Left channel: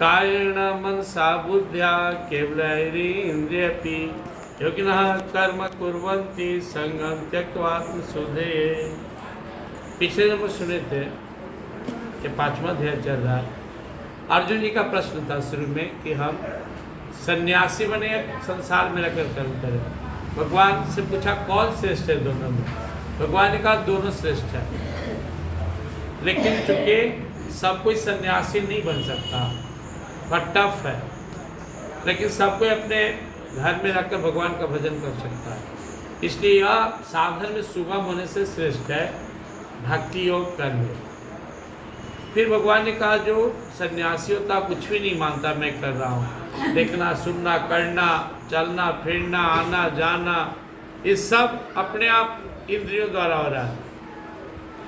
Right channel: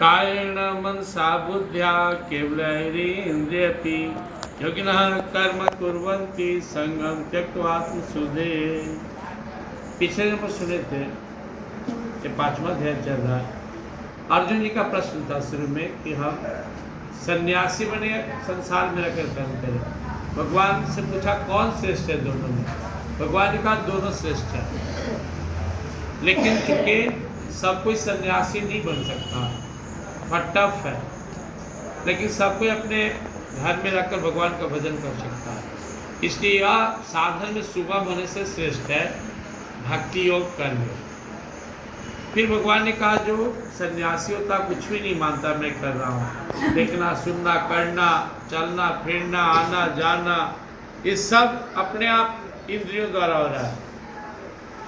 कायेन मनसा बुद्ध्या केवलैरिन्द्रियपि योगिनः कर्म कुर्वन्ति संगम त्यक्त्वा आत्मशुद्धये। पिछले जब सुने थे कि 5वां अध्याय चल रहा है। अर्जुन जी का प्रश्न था शुरू में कि हम सन्यासी बने संसार में रहकर कर्म करें। भगवान से पूछा कौन श्रेष्ठ है दोनों में। भगवान ने कहा दोनों श्रेष्ठ है, लेकिन चूंकि सब कोई सन्यासी नहीं बन सकता, बहुत टफ है, लेकिन सब कोई अपने घर में रहकर भगवान का भजन कर सकता है। इसलिए यह साधन में सुगम होने से श्रेष्ठ है भक्ति योग करने। फिर भगवान ने कहा जो सन्यासी होता कुछ भी नहीं मानता मैं कर रहा हूँ, देखना सुनना करना चलना फिरना आना जाना ये सब अपने आप इंद्रियों द्वारा हो रहा है।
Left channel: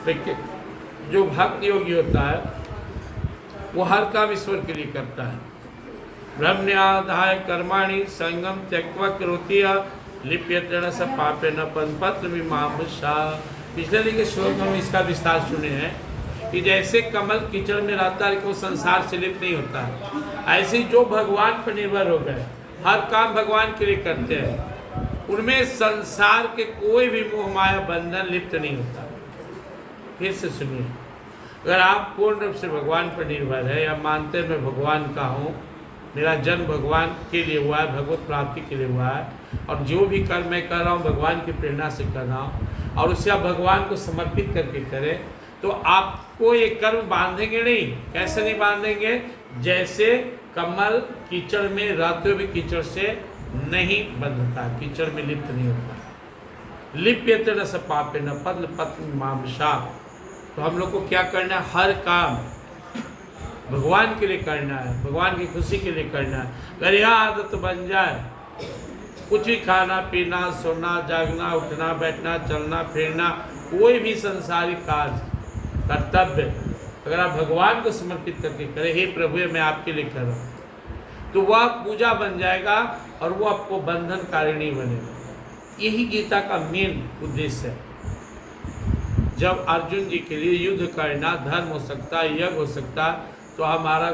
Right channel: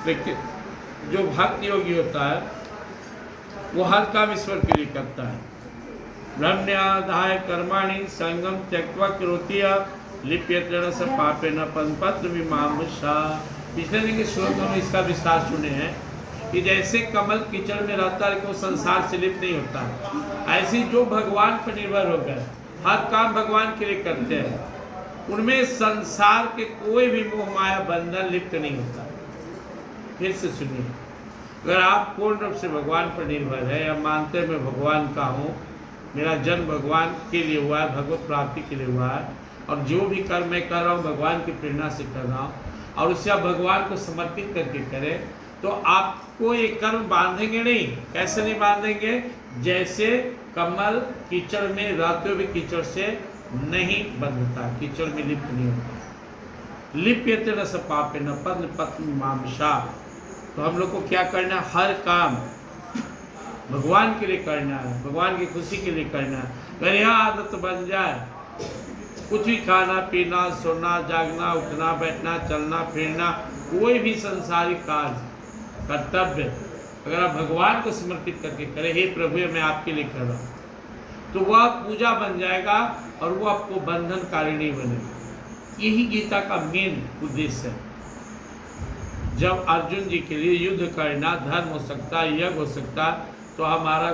लेकिन जो भक्ति योगी होता है वो हर काम ईश्वर के लिए करता है। ब्रह्मण्याधाय कर्माणि संगम त्यक्त्वा करोति लिप्यतेन स पापेन पद्मपत्र विमामसा। पिछले दिन के श्लोक में इसका विस्तार सुने हैं कि जैसे कमल कीचड़ में रहता है वो संसार से लिप्त नहीं होता, ऐसे ही जो भगवान पर निर्भर हो गए हर काम भगवान के लिए करते हैं, उनमें संसार के कोई भी मोह माया बंधन लिप्त नहीं होता। फिर से सुनिए, अगर आप पूर्ण रूप से भगवान पर निर्भर है या मानते मैं भगवान का हूँ, मेरा जन्म भगवान के लिए हुआ है, भगवत प्राप्ति के लिए हुआ है, और जो भी कर्म मैं कर रहा हूँ भगवान की प्रेरणा से कर रहा हूँ और उससे आप भगवान को समर्पित करके करें, तो आपको ये कर्म बांधेंगे नहीं। कैसे नहीं बांधेंगे? जैसे कमल कीचड़ में रहते हुए कीचड़ से नहीं बंधता, कीचड़ में लिप्त नहीं होता। लिप्यते न स पापेन पद्मपत्र विमामसा। तो हम लोग को क्या करना है? हर काम भगवान के लिए करना है, भगवान की खुशी के लिए करना है। अगर यह आदत बन जाए, कुछ भी खाना पीना सोना जागना उठना बैठना चलना फिरना कोई भी संसारिक कार्य कर्तव्य अगर आप भगवान को समर्पित करके करें, हे प्रभु मैं आपके लिए कर रहा हूँ, तो वह पूजा बन जाएगा और वो आपको बंधनकारी नहीं बनेगा। यही गीता का मेन उद्देश्य है। जब अर्जुन जी के लिए युद्ध करना धर्म हो सकता है, यज्ञ हो सकता है, तो हमारा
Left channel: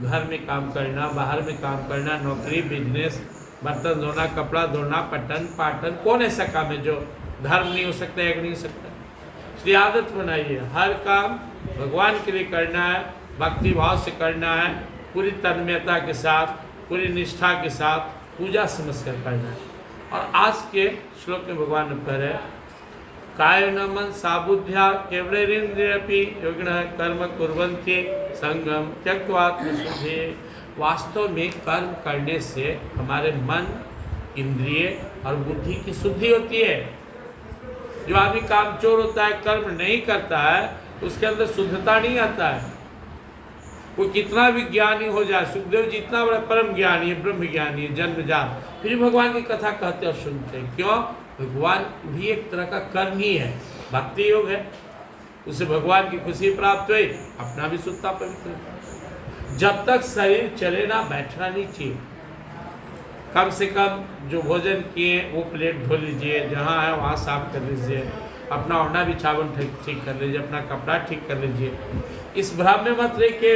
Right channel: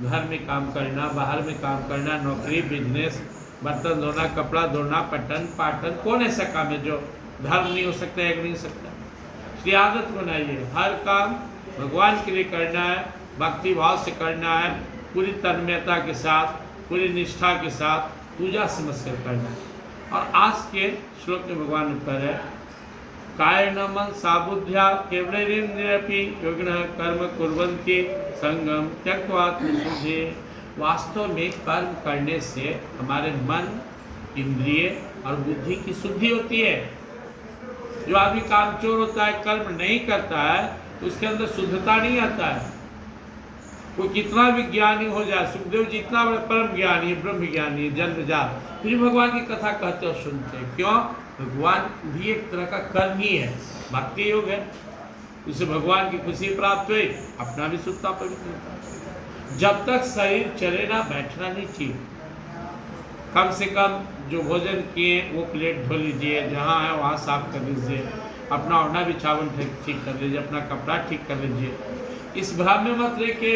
घर में काम करना बाहर में काम करना नौकरी बिजनेस बर्तन धोना कपड़ा धोना पठन पाठन कौन ऐसा काम है जो धर्म नहीं हो सकता यज्ञ नहीं हो सकता। इसलिए आदत बनाइए, हर काम भगवान के लिए करना है, भक्ति भाव से करना है, पूरी तन्मयता के साथ पूरी निष्ठा के साथ पूजा समझकर करना है। और आज के श्लोक में भगवान उत्तर है कायेन मनसा बुद्ध्या केवलैरिन्द्रियपि योगिनः कर्म कुर्वन्ति संगम त्यक्त्वा आत्मशुद्धये। वास्तव में कर्म करने से हमारे मन इंद्रिय और बुद्धि की शुद्धि होती है। जो आदमी कामचोर होता है कर्म नहीं करता है तो उसके अंदर शुद्धता नहीं आता है। कोई कितना भी ज्ञानी हो जाए, सुखदेव जी इतना बड़ा परम ज्ञानी है, ब्रह्म ज्ञानी है, जन्मजात, फिर भगवान की कथा कहते और सुनते हैं। क्यों? भगवान भी एक तरह का कर्म ही है, भक्ति योग है, उसे भगवान की खुशी प्राप्त हुई, अपना भी शुद्धता पवित्र। जब तक शरीर चले ना बैठना नहीं चाहिए। कम से कम जो भोजन किए वो प्लेट धो लीजिए, जहाँ है वहाँ साफ कर लीजिए, अपना ओढ़ना बिछावन ठीक कर लीजिए, अपना कपड़ा ठीक कर लीजिए। इस भ्रम में मत रहे कि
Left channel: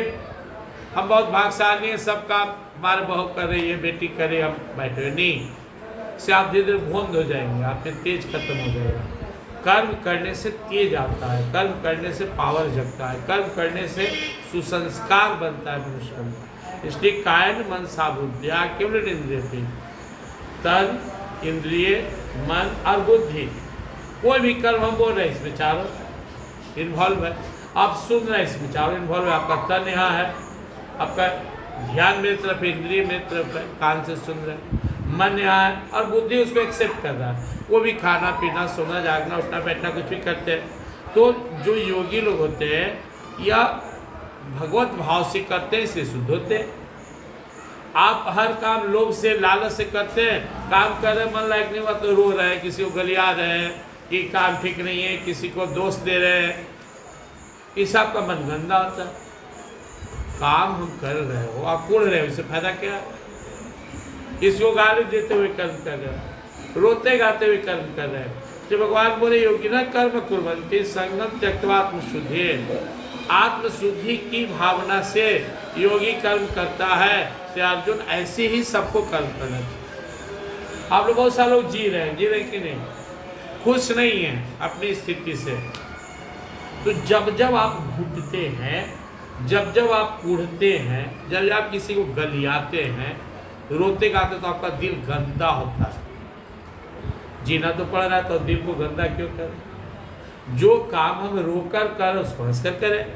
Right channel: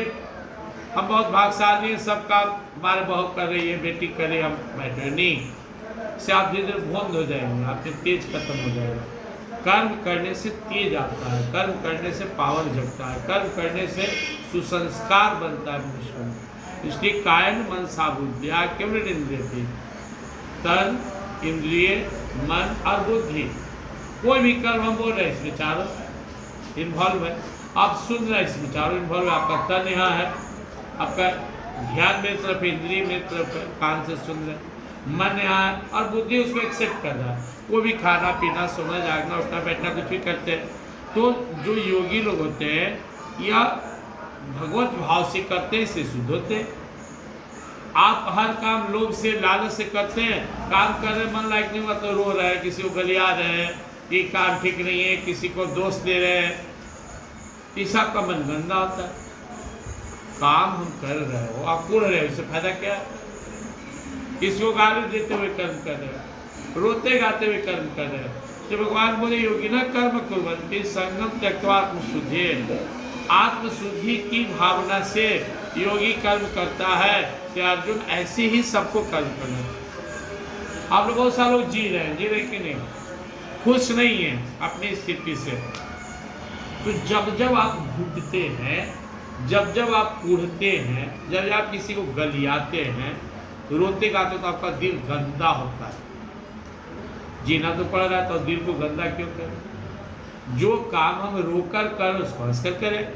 हम बहुत भाग्यशाली हैं, सब काम हमारे बहू कर रही है, बेटी करे, हम बैठे नहीं। इससे आप धीरे धीरे भोंद हो जाएंगे, आपके तेज खत्म हो जाएगा। कर्म करने से तेज आता है, कर्म करने से पावर जगता है, कर्म करने से सुसंस्कार बनता है मनुष्य में। इसलिए कायेन मनसा बुद्ध्या केवलैरिन्द्रियपि, तन इंद्रिय मन और बुद्धि, कोई भी कर्म हम बोल रहे हैं इसमें चारों इन्वॉल्व है। आप सुन रहे हैं इसमें चारों इन्वॉल्व है। आपका तन यहाँ है, आपका ध्यान मेरी तरफ है, इंद्रिय मेरी तरफ है, कान से सुन रहे हैं, मन यहाँ है और बुद्धि उसको एक्सेप्ट कर रहा है। वो भी खाना पीना सोना जागना उठना बैठना कुछ भी करते हैं। तो जो योगी लोग होते हैं या भगवत भाव से करते हैं इसलिए शुद्ध होते हैं। आप हर काम लोभ से लालच से करते हैं, काम कर रहे मन लायक नहीं हुआ तो रो रहे हैं, किसी को गलिया रहे हैं कि काम ठीक नहीं है, किसी को दोष दे रहे हैं, इस आपका मन गंदा होता है। काम हम कर रहे हो आप कुड़ रहे हो, इससे फायदा क्या? इसको गाली देते हुए कर्म कर रहे हैं, रोते गाते हुए कर्म कर रहे हैं। तो भगवान बोले योगी न कर्म कुर्वन्ति संगम त्यक्त्वा आत्मशुद्धये। आत्मशुद्धि की भावना से योगी कर्म करता है, तो अर्जुन ऐसे ही सबको कर्म करना चाहिए। आप लोग बहुत सारे लोग जी रहे हैं कि नहीं, खुश नहीं हैं अपनी स्थिति से। तो जब जब आप घुटते हैं, जब जब आप कूढ़ते हैं, जब जब आप किसी को गलियाते हैं, रोते गाते, तो आपका दिल गंदा होता है। जीना तो पड़ रहा है तो दिल को गंदा क्यों करें? जो काम हम रोकर कर उसको हंसकर करें,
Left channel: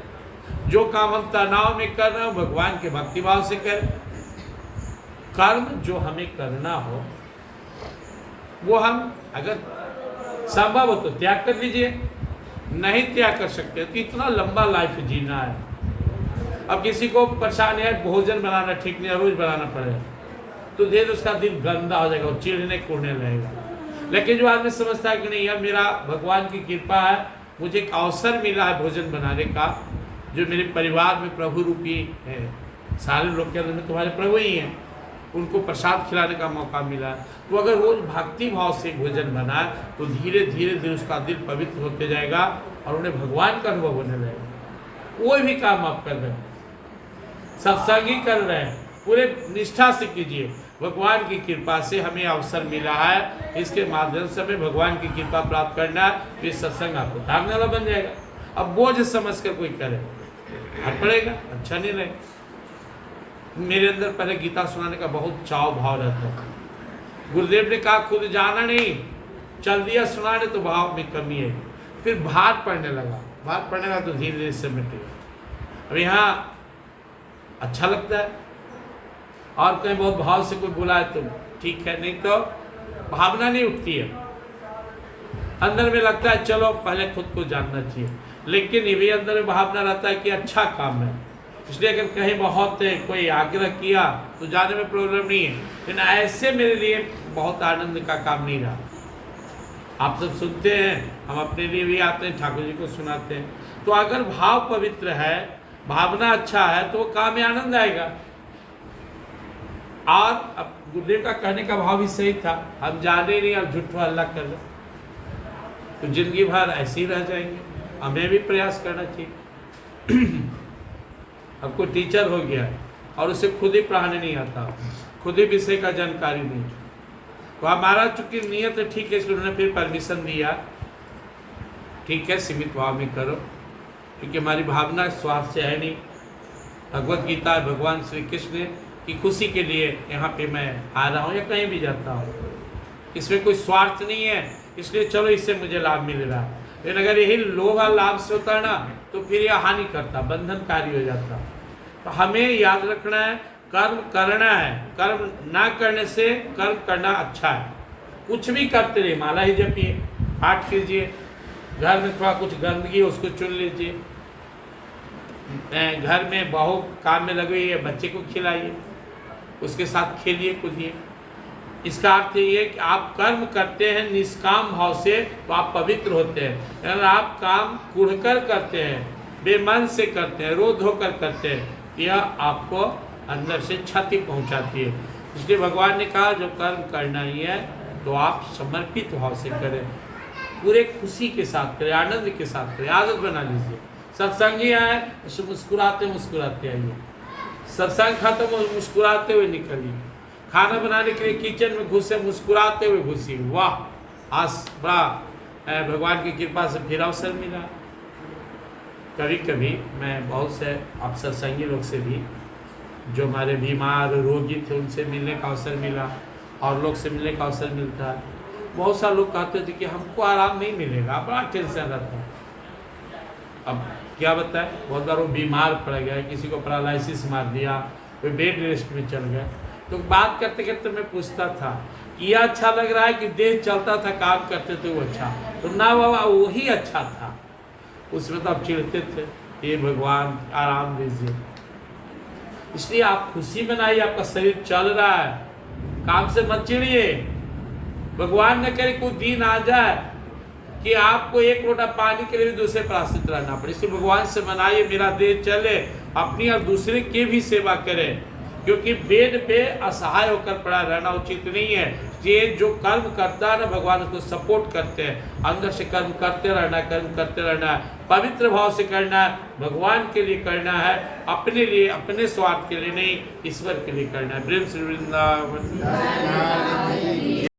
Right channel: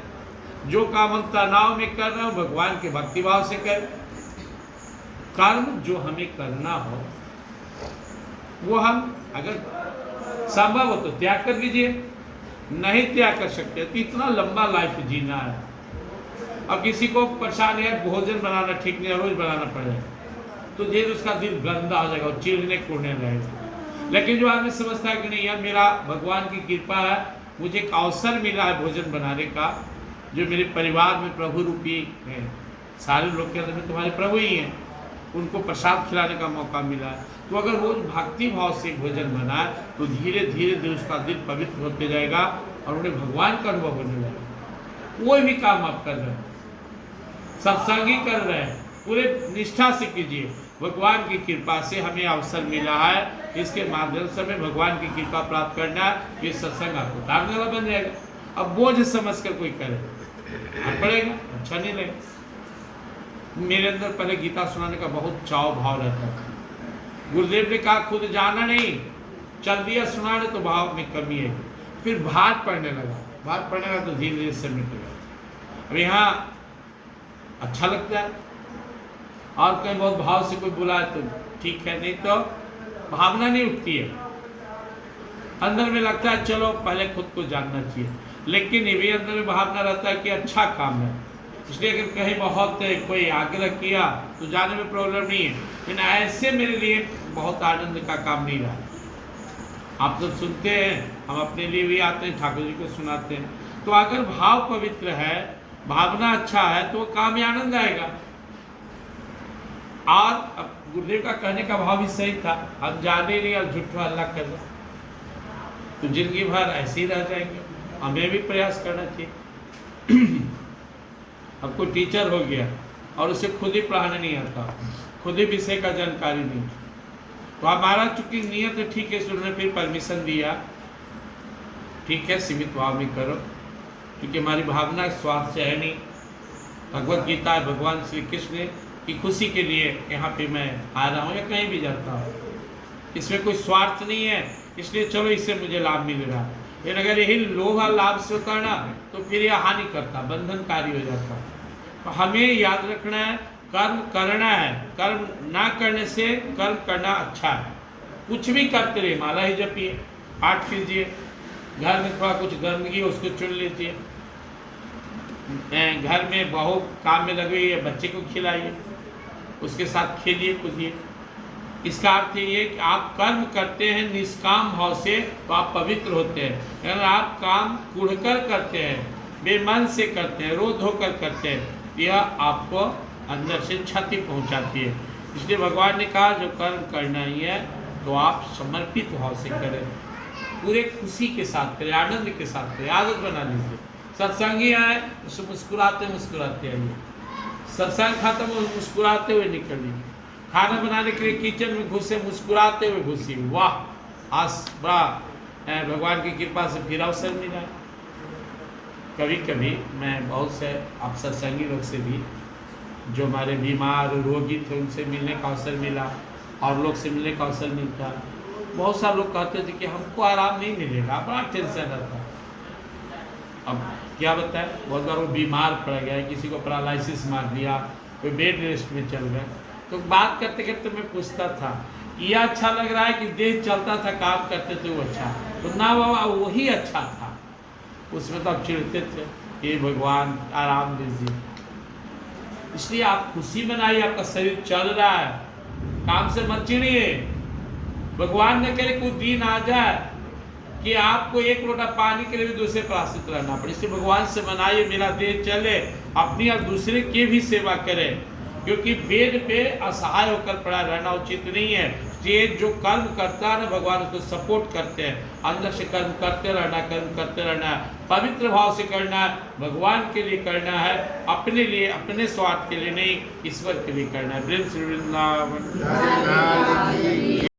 जो काम हम तनाव में कर रहे हैं भगवान के भक्तिभाव से करें। कर्म जो हमें करना हो वो हम अगर संभव हो तो त्याग कर लीजिए, नहीं त्याग कर सकते तो इतना लंबा लाइफ जीना है। अब किसी को परेशानी है, भोजन बनाना ठीक नहीं है, रोज बनाना पड़ेगा, तो धीरे उसका दिल गंदा हो जाएगा, चिढ़ने कूड़ने लगेगा। लेकिन जो आदमी समझता है कि नहीं यार मेरा भगवान की कृपा है, मुझे एक अवसर मिला है भोजन बनाने का, जो मेरे परिवार में प्रभु रूपी है, सारे लोग के अंदर में तुम्हारे प्रभु ही हैं, उनको प्रसाद खिलाने का मौका मिला, तो अगर रोज भक्ति भाव से भोजन बनाए तो धीरे धीरे उसका दिल पवित्र होते जाएगा और उन्हें भगवान का अनुभव होने लगेगा। कोई भी काम आप कर रहे हैं, सत्संग ही कर रहे हैं, पूरे निष्ठा से कीजिए। भगवान की कृपा से हमें अवसर मिला है, इसके माध्यम से हमें भगवान की कृपा प्राप्त करना है, ये सत्संग आपको तारने वाला बन जाएगा। अब बोझ समझकर कोई करे पड़ेगा, अच्छा नहीं लगे। मेरे अंदर पहले गीता सुनाने का बहुत चाव भाव रहता था। गुरुदेव ने कहा खुद जाना नहीं, चल दिया सुनाने तो भाव में कमी है। फिर भार पड़ने लगा, भार पड़ने लगा तो धीरे धीरे से मिटेगा। अब यहाँ अच्छा लगता है, और कहीं बहुत भाव से कोई बुलाए तो ठीक है, नहीं तो भावना नहीं उठती है। अंदर में लगता है चलो पहले खुद को जानना चाहिए, लेकिन ये भी अंदर में भावना रहता है कि अच्छा काम है, इसलिए अगर कहीं बहुत कोई आग्रह किया तो जाने में प्रॉब्लम नहीं है। लेकिन ऐसे मेरे लिए बहुत आनंद का काम नहीं रहा। आप सब सुनते हैं, हम अपने लिए भी आते हैं, ठाकुर जी को सुनाते हैं। तो अगर भाव पवित्र है, भावना अच्छा है, तो काम में आनंद आएगा। और अब गुरुदेव का कहने का भाव भी सही था, हम जाने नहीं और झूठा अल्लाह कर रहे तो जिंदगी भर ऐसे ही रह जाएंगे। हमें भी प्रयास करना चाहिए। अब कोई टीचर हो गया और उसे खुद ही पढ़ाने नहीं आता, खुद ही विषय का जानकारी नहीं, तो हमारा चूंकि नियत है ठीक है, इसलिए उन्होंने फिर परमिशन दिया, ठीक है सीमित भाव में करो, क्योंकि हमारी भावना स्वार्थ से है नहीं। भगवत गीता है भगवान श्री कृष्ण की खुशी के लिए यहाँ पे मैं आ रहा हूँ या कहीं भी जाता हूँ, इसमें कोई स्वार्थ नहीं है, इसलिए चलो इससे मुझे लाभ मिल रहा है। लेकिन अगर यही लोभ लाभ से होता है ना, तो फिर यह हानि करता, बंधनकारी हो जाता। तो हमें याद रखना है, कर्म करना है, कर्म ना करने से कर्म करना अच्छा है। कुछ भी करते रहिए, माला ही जपिए, पाठ कीजिए, घर में थोड़ा कुछ गंदगी उसको चुन लीजिए, घर में बहू काम में लगी हुई है, बच्चे को खिलाइए, उसके साथ खेलिए कूदिए। इसका अर्थ ये है कि आप कर्म करते हैं निष्काम भाव से तो आप पवित्र होते हैं। अगर आप काम कुढ़कर करते हैं, बेमन से करते हैं, रो धोकर करते हैं, यह आपको अंदर से क्षति पहुंचाती है। इसलिए भगवान ने कहा जो कर्म करना ही है तो आप समर्पित भाव से करें, पूरे खुशी के साथ करें, आनंद के साथ करें, आदत बना लीजिए। सत्संग ही आए तो मुस्कुराते मुस्कुराते आइए, सत्संग खत्म हो मुस्कुराते हुए निकलिए, खाना बनाने के लिए किचन में घुसे मुस्कुराते हुए घुसिए। वाह आज बड़ा भगवान की कृपा से फिर अवसर मिला। कभी कभी मैं बहुत से आप सत्संगी लोग से भी, जो हमारे बीमार रोगी थे, उनसे मिलने का अवसर मिला और लोग से मिलने का अवसर मिलता है। बहुत सारे लोग कहते थे कि हमको आराम नहीं मिलेगा, बड़ा टेंशन रहता है। अब क्या बताएं, बहुत बार वो बीमार पड़ गए, किसी को पैरालिसिस मार दिया, कोई बेड रेस्ट में चल गए, तो बात करते करते मैं पूछता था ये अच्छा लग रहा है कि देह चलता था काम करते थे वो अच्छा, तो ना बाबा वही अच्छा था। उसमें तो आप चिढ़ते थे, ये भगवान आराम दीजिए। इसलिए आप खुशी मनाइए, आपका शरीर चल रहा है, काम से मत चिढ़िए। भगवान ने करे कोई दिन आ जाए कि आपको एक लोटा पानी के लिए भी दूसरे पर आश्रित रहना पड़े, इसलिए भगवान से मनाइए मेरा देह चले, अपनी और दूसरे की भी सेवा करे। क्योंकि बेड पे असहाय होकर पड़ा रहना उचित नहीं है। ये जो कर्म करता है ना, भगवान उसको सपोर्ट करते हैं। अंदर से कर्म करते रहना है, पवित्र भाव से करना है, भगवान के लिए करना है, अपने लिए, अपने स्वार्थ के लिए नहीं, ईश्वर के लिए करना है। प्रेम श्री वृंदावन।